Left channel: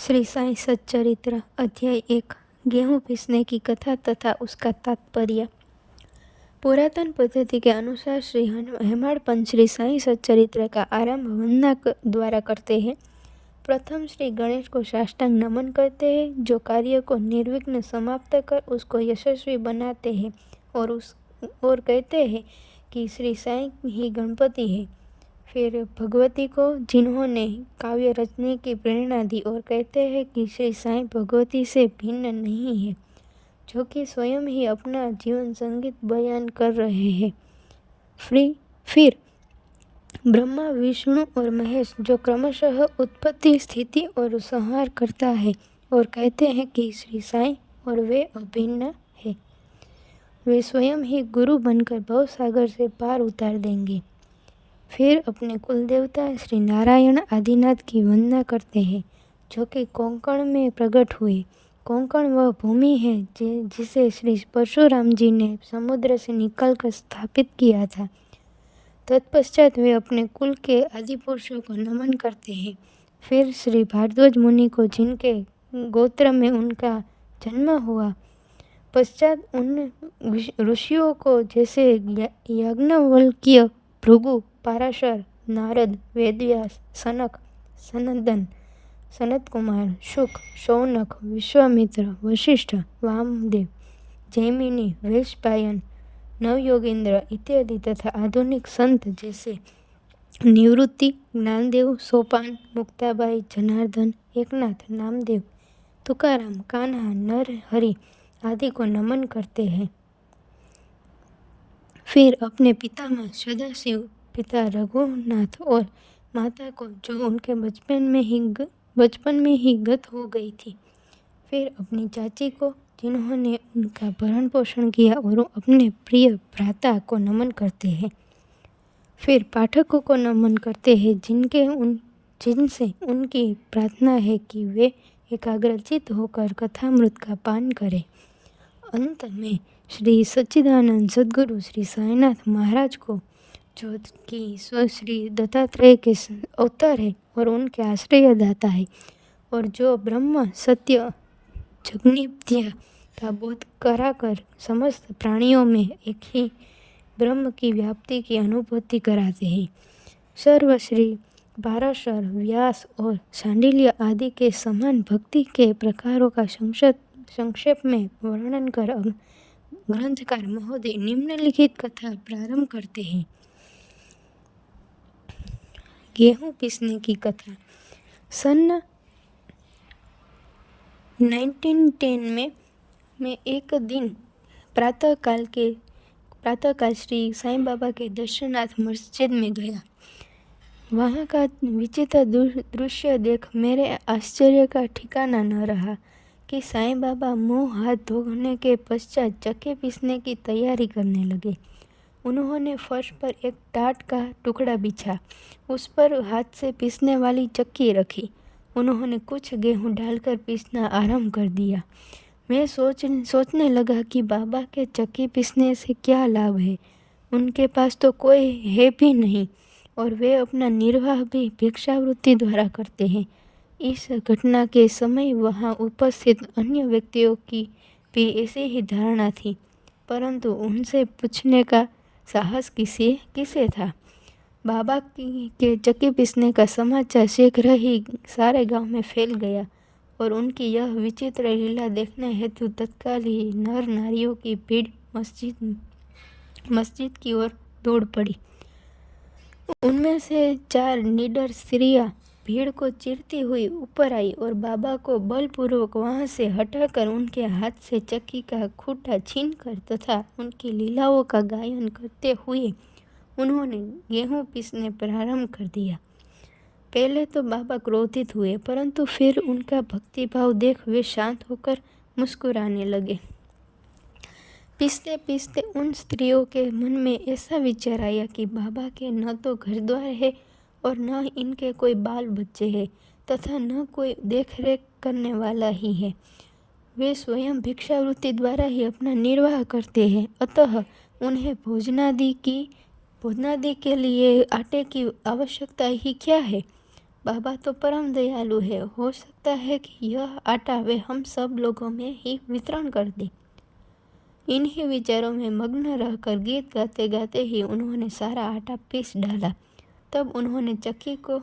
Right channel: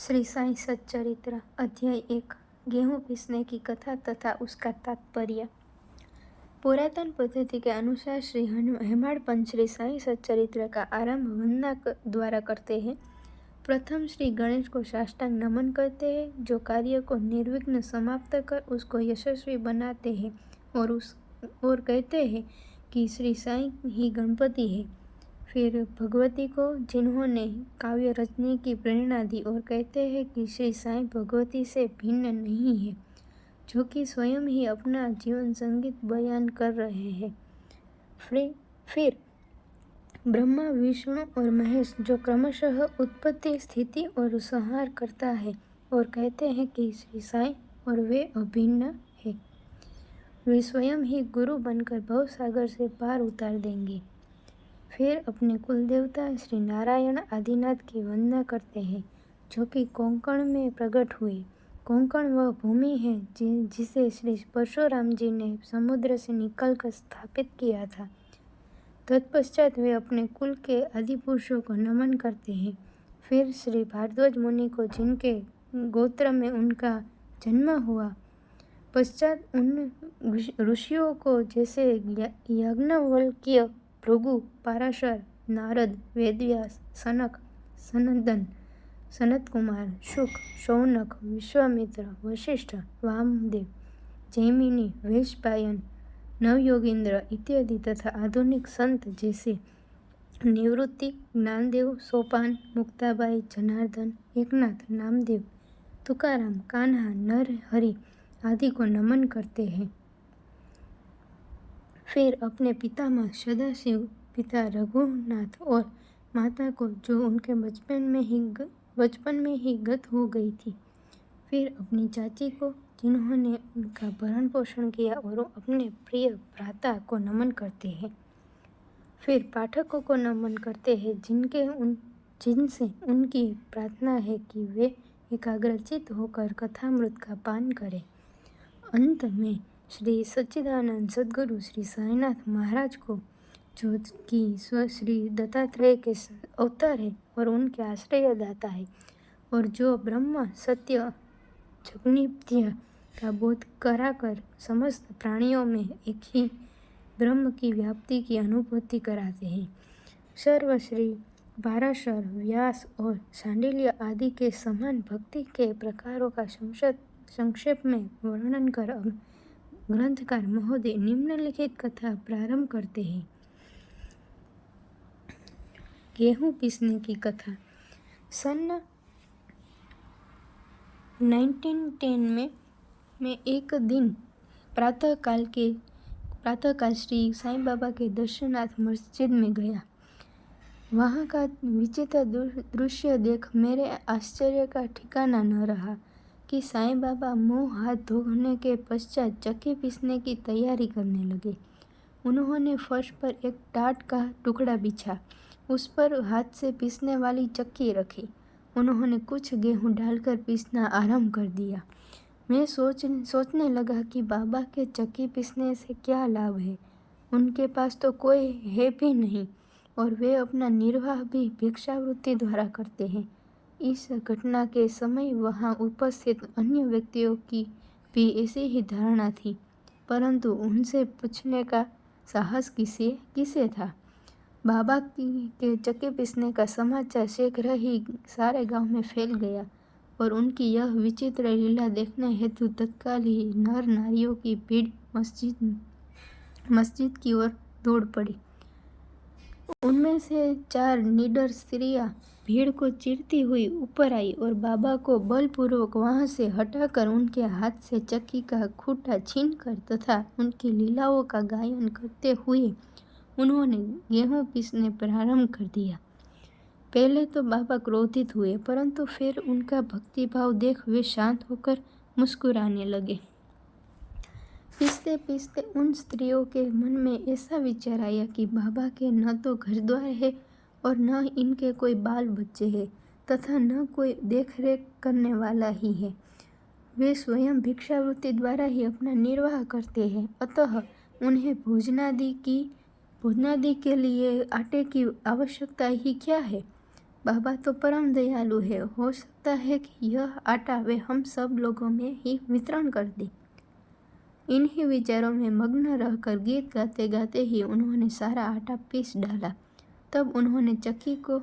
श्री साईं सच्चरित्र अध्याय 1 गेहूं पीसने की कथा तथा उसका तात्पर्य। पुरातन पद्धति के अनुसार श्री हेमाड़ पंच श्री साईं सच्चरित्र का आरंभ वंदना द्वारा करते हैं। प्रथम श्री गणेश को साष्टांग नमन करते हैं, जो कार्य को निर्विघ्न समाप्त कर उसको यशस्वी बनाते हैं, और कहते हैं कि श्री साईं ही गणपति है। फिर भगवती को, जिन्होंने काव्य रचने की प्रेरणा दी, और कहते हैं कि श्री साईं भगवती से भिन्न नहीं है, जो कि स्वयं ही अपना जीवन संगीत बयान कर रहे हैं। फिर ब्रह्मा, विष्णु और महेश, जो क्रमशः उत्पत्ति, स्थिति और संहार करता है, और कहते हैं कि श्री साईं और वे अभिन्न है। वे स्वयं ही गुरु बनकर भवसागर से पार उतार देंगे। फिर अपने कुल देवता श्री नारायण आदिनाथ की वंदना करते हैं, जो कि कोंकण में प्रकट हुए। कोंकण वह भूमि है जिसे श्री परशुराम जी ने समुद्र से निकालकर स्थापित किया था। तत्पश्चात वे अपने कुल के आदि पुरुषों को नमन करते हैं। फिर श्री भारद्वाज मुनि को, जिनके गोत्र में उनका जन्म हुआ, पश्चात उन ऋषियों को, जैसे याज्ञवल्क्य, भृगु, पाराशर, नारद, वेदव्यास, सनक, सनंदन, सनत कुमार, शुक, शौनक, विश्वामित्र, वशिष्ठ, वामदेव, जैमिनी, वैशंपायन, नवयोगींद्र इत्यादि, तथा आधुनिक संत जैसे निवृत्ति, ज्ञानदेव, सोपान, मुक्ताबाई, जनार्दन, एकनाथ, नामदेव, तुकाराम, कान्हा, नरहरि आदि को नमन करते हैं। फिर अपने पितामह सदाशिव, पिता रघुनाथ और माता को, जो उनके बचपन में ही गत हो गई थी। फिर अपनी चाची को, जिन्होंने उनका भरण पोषण किया, और अपने प्रिय भ्राता को नमन करते हैं। फिर पाठकों को नमन करते हैं, जिनसे उनकी प्रार्थना है कि वे एकाग्रचित होकर कथामृत का पान करें। अंत में श्री सच्चिदानंद सद्गुरु श्री साईनाथ महाराज को, जो कि श्री दत्तात्रेय के अवतार है और उनके आश्रयदाता है, और जो ब्रह्म सत्य जगन्मिथ्या का बोध कराकर समस्त प्राणियों में एक ही ब्रह्म की व्याप्ति की अनुभूति कराते हैं, सर्वश्री पाराशर, व्यास और शांडिल्य आदि के समान भक्ति के प्रकारों का संक्षेप में वर्णन कर ग्रंथकार महोदय निम्नलिखित कथा प्रारंभ करते हैं। गेहूं पीसने की कथा। सन 1910 में एक दिन प्रातःकाल श्री साईं बाबा के दर्शनार्थ मस्जिद में गया। वहाँ का विचित्र दृश्य देख मेरे आश्चर्य का ठिकाना न रहा कि साईं बाबा मुंह हाथ धोने के पश्चात चक्की पीसने की तैयारी करने लगे। उन्होंने फर्श पर एक टाट का टुकड़ा बिछा, उस पर हाथ से पीसने वाली चक्की रखी। उन्होंने कुछ गेहूं डालकर पीसना आरंभ कर दिया। मैं सोचने लगा कि बाबा के चक्की पीसने से क्या लाभ है। उनके पास तो कोई है भी नहीं, और वे अपना निर्वाह भी भिक्षावृत्ति द्वारा करते हैं। इस घटना के समय वहाँ उपस्थित अन्य व्यक्तियों की भी ऐसी ही धारणा थी, परंतु उनसे पूछने का साहस किसे था। बाबा के चक्की पीसने का समाचार शीघ्र ही सारे गांव में फैल गया, और उनकी यह विचित्र लीला देखने हेतु तत्काल ही नर नारियों की भीड़ मस्जिद की ओर दौड़ पड़ी। उनमें से 4 निडर स्त्रियां भीड़ को चीरती हुई ऊपर आई, और बाबा को बलपूर्वक वहां से हटाकर उनके हाथ से चक्की का खूंटा छीनकर तथा उनकी लीलाओं का गायन करते हुए उन्होंने गेहूं पीसने प्रारंभ कर दिया। पहले तो बाबा क्रोधित हुए, परंतु फिर उनका भक्तिभाव देख वे शांत होकर मुस्कुराने लगे। पीसते पीसते उन स्त्रियों के मन में ऐसा विचार आया कि बाबा के न तो घर द्वार है, और न इनके कोई बाल बच्चे हैं, तथा न कोई देख रेख करने वाला ही है। वे स्वयं भिक्षावृत्ति द्वारा ही अपना निर्वाह करते हैं, अतः उन्हें भोजनादि के लिए आटे की आवश्यकता ही क्या है। बाबा तो परम दयालु है, हो सकता है कि यह आटा वे हम सब लोगों में ही वितरण कर दे। इन्हीं विचारों में मग्न रहकर गीत गाते गाते ही उन्होंने सारा आटा पीस डाला। तब उन्होंने चक्की को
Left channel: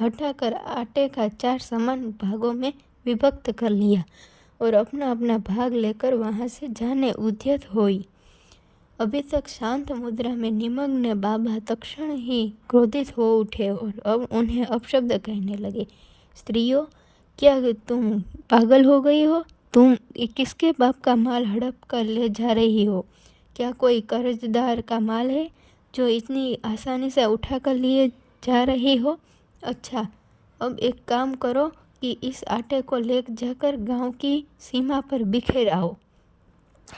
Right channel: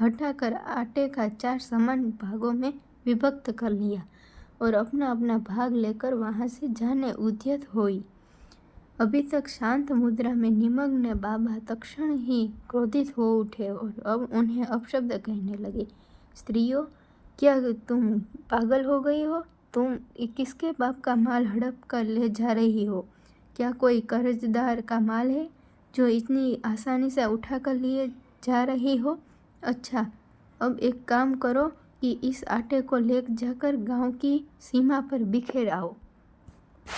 हटाकर आटे का 4 समान भागों में विभक्त कर लिया और अपना अपना भाग लेकर वहां से जाने उद्यत हुई। अभी तक शांत मुद्रा में निमग्न बाबा तत्क्षण ही क्रोधित हो उठे और अब उन्हें अपशब्द कहने लगे। स्त्रियों, क्या तुम पागल हो गई हो? तुम किसके बाप का माल हड़प कर ले जा रही हो? क्या कोई कर्जदार का माल है जो इतनी आसानी से उठा कर लिए जा रही हो? अच्छा, अब एक काम करो कि इस आटे को ले जाकर गांव की सीमा पर बिखेर आओ।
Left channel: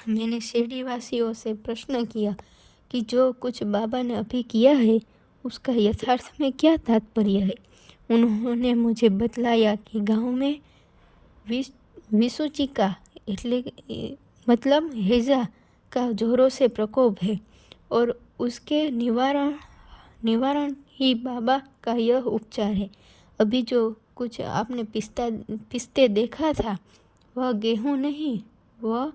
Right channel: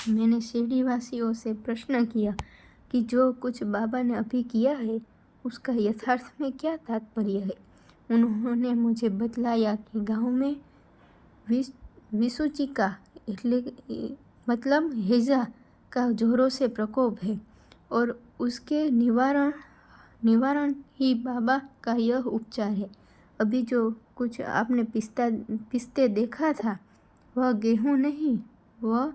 मैंने शिरडीवासियों से प्रश्न किया कि जो कुछ बाबा ने अभी किया है उसका यथार्थ में क्या तात्पर्य है। उन्होंने मुझे बतलाया कि गांव में विसूचिका मतलब हैजा का जोरों से प्रकोप है और उसके निवारण ही बाबा का यह उपचार है। अभी जो कुछ आपने पिसते देखा था वह गेहूं नहीं, वह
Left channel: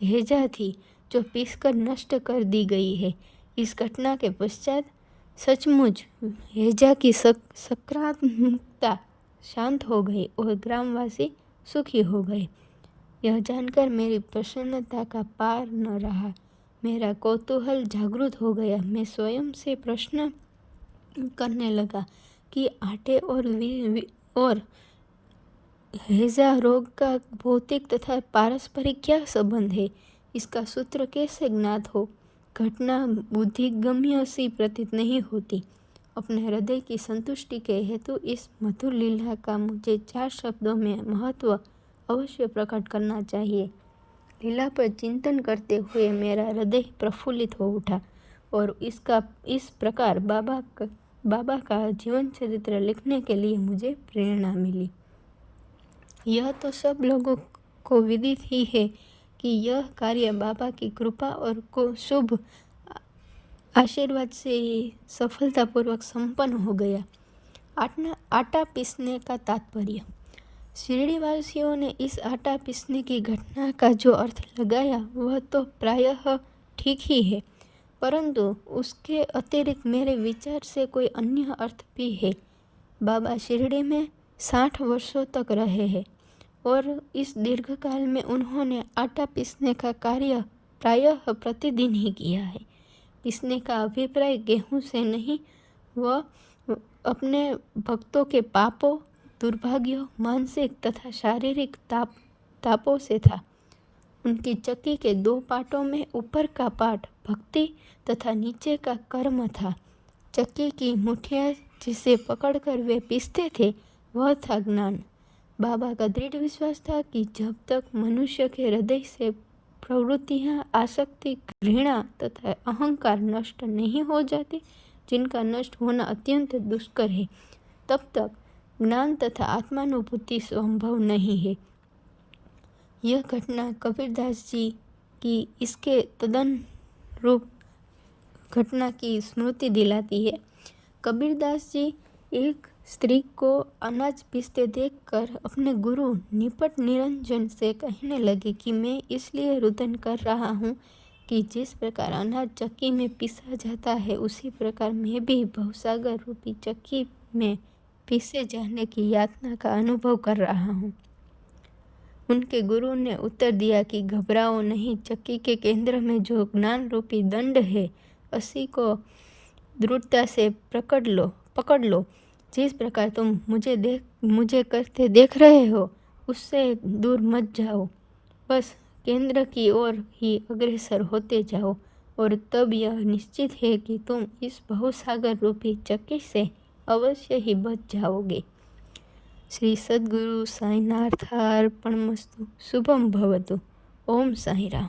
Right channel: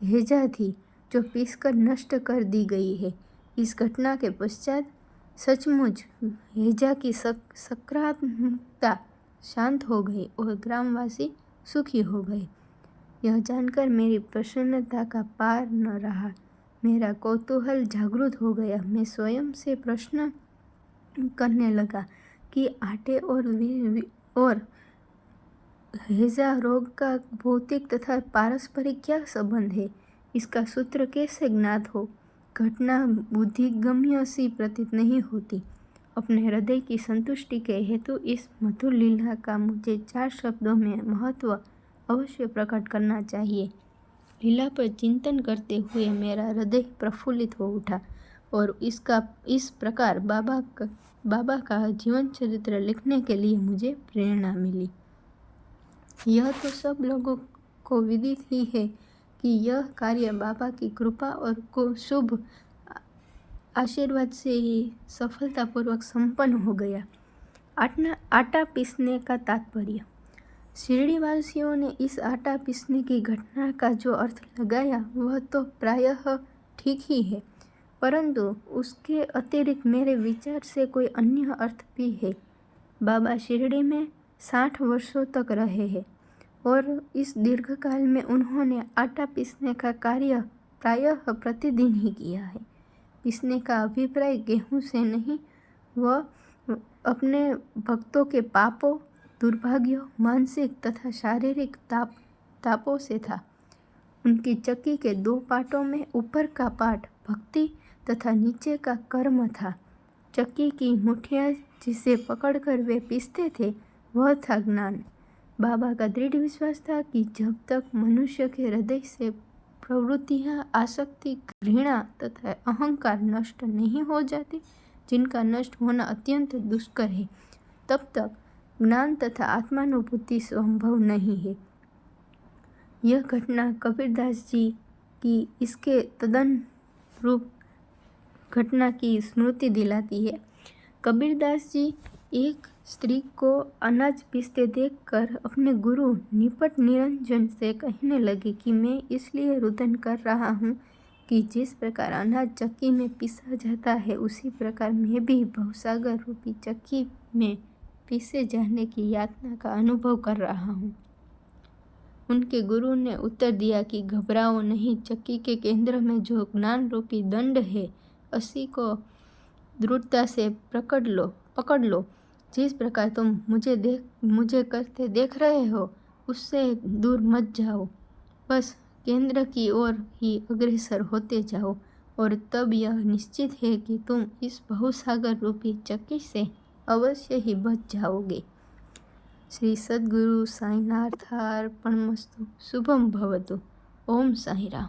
हैजा थी जो पीसकर नष्ट कर दी गई है। इस घटना के पश्चात सचमुच हैजा की सकारात्मकता शांत हो गई और ग्रामवासी सुखी हो गए। यह जानकर मेरी प्रसन्नता का पार न रहा। मेरा कौतूहल जागृत हो गया। मैं स्वयं से प्रश्न करने लगा कि आटे और हैजा रोग का भौतिक तथा पारस्परिक क्या संबंध है? इसका सूत्र कैसे ज्ञात हो? घटना बुद्धिगम्य सी प्रतीत नहीं होती। अपने हृदय की संतुष्टि के हेतु इस मधुर लीला का मुझे 4 शब्दों में महत्व अवश्य प्रकट करना चाहिए। लीला पर चिंतन करते हुए मेरा हृदय प्रफुल्लित हो उठा और इस प्रकार बाबा का जीवन चरित्र लिखने के लिए मुझे प्रेरणा मिली। यह तो सब लोगों को विदित ही है कि यह कार्य बाबा की कृपा और शुभ आशीर्वाद से ही सफलतापूर्वक संपन्न हो गया। आटा पीसने का तात्पर्य। शिरडीवासियों ने इस आटा पीसने की घटना का जो अर्थ लगाया वह तो प्रायः ठीक ही है, परंतु उसके अतिरिक्त मेरे विचार से कोई अन्य अर्थ भी है। बाबा शिरडी में 60 वर्षों तक रहे हैं और इस दीर्घकाल में उन्होंने आटा पीसने का कार्य प्रायः प्रतिदिन ही किया है। पीसने का अभिप्राय गेहूं से नहीं, वह अपने भक्तों के पापों, दुर्भाग्यों, मानसिक तथा शारीरिक तापों से था। उनकी चक्की के 2 पाटों में ऊपर का पाट भक्ति तथा नीचे का कर्म था। चक्की की मुठिया जिसे पकड़कर वे पीसते थे वह था ज्ञान। बाबा का दृढ़ विश्वास था कि जब तक मनुष्य के हृदय से प्रवृत्तियाँ, आसक्ति, घृणा तथा अहंकार नष्ट नहीं हो जाते, जिनका नष्ट होना अत्यंत दुष्कर है, तब तक ज्ञान तथा आत्मानुभूति संभव नहीं है। यह घटना कबीरदास जी की इसके तदनुरूप घटना की स्मृति दिलाती है। कबीरदास जी एक स्त्री को अनाज पीसते देखकर अपने गुरु निपट निरंजन से कहने लगे कि मैं इसलिए रुदन कर रहा हूँ कि जिस प्रकार अनाज चक्की में पीसा जाता है उसी प्रकार मैं भी भवसागर रूपी चक्की में पीसे जाने की यातना का अनुभव कर रहा हूँ। उनके गुरु ने उत्तर दिया कि घबराओ नहीं, चक्की के केंद्र में जो ज्ञान रूपी दंड है उसी को दृढ़ता से पकड़ लो। जिस प्रकार तुम मुझे करते देख रहे हो उससे दूर मत जाओ, बस केंद्र की ओर ही अग्रसर होते जाओ और तब यह निश्चित है कि तुम इस बहुसागर रूपी चक्की से अवश्य ही बच जाओगे। श्री सद्गुरु साईनाथार्पणमस्तु। शुभम भवतु। ओम साई राम।